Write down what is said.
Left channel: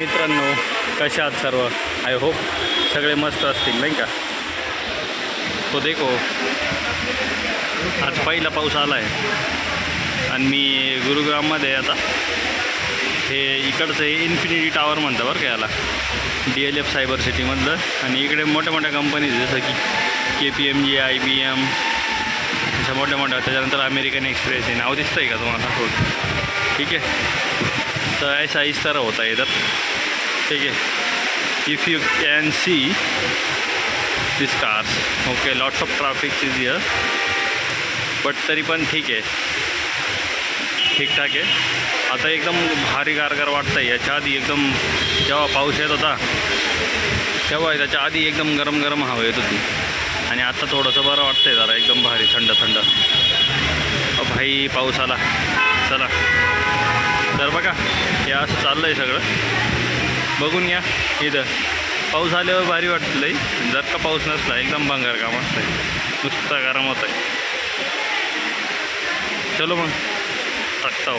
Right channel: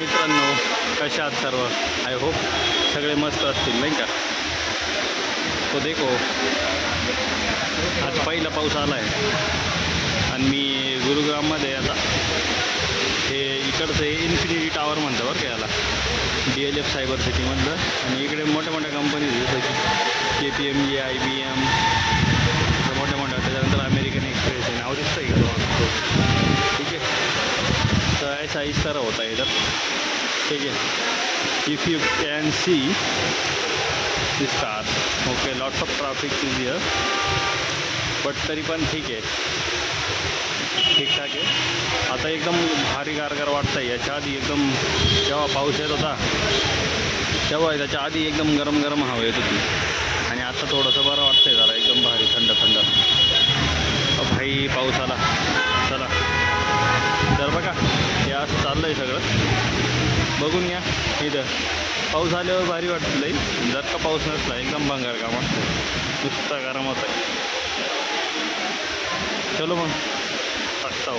मित्रांनो, कशा आहात सर्व? आय होप सगळे मस्त असतील नाही का. तो देखो आज पहिला पाऊस आला आहे आणि मी गुरुग्राममध्ये आता हे इकडचं इन्फिनिटी टावर म्हणतं बरं का याला, DLF सायबर सिटीमधलं. आणि इकडे मोठ्या मोठ्या कंपनीज जसं की KPMG, IBM, अशा मोठ्या मोठ्या. त्याच्यानंतर अमेरिकन एक्सप्रेस आहे. नाव दिसतं आहे का तुम्हाला? हो, ठीक आहे. तर ऐसा इस तरह होता है इधर, ठीक है. If you can see this cars, okay, lots of traffic is here, but तरी पण ठीक आहे, ठीकठाक आहे. आता एकदम भारी गारगार वाटतं आहे. याच्या आधी एकदम जेव्हा पाऊस येत होता तेव्हा त्याच्या आधी एकदम गरम गरम हवा येत होती आणि आता थोडंसं बरं वाटतं आहे, जरा एकदम भारी थंड थंड. भाई पाऊस आला. चला तर बघा, हे असं चाललं आहे सगळं. बघून या इथं पाऊस आल्यावर भारी वाटतं लई. जर का पाऊस नसला एकदम भंगार काम असतं आहे, नुसतं गरम होतं आहे. चलो मग टाकता हो.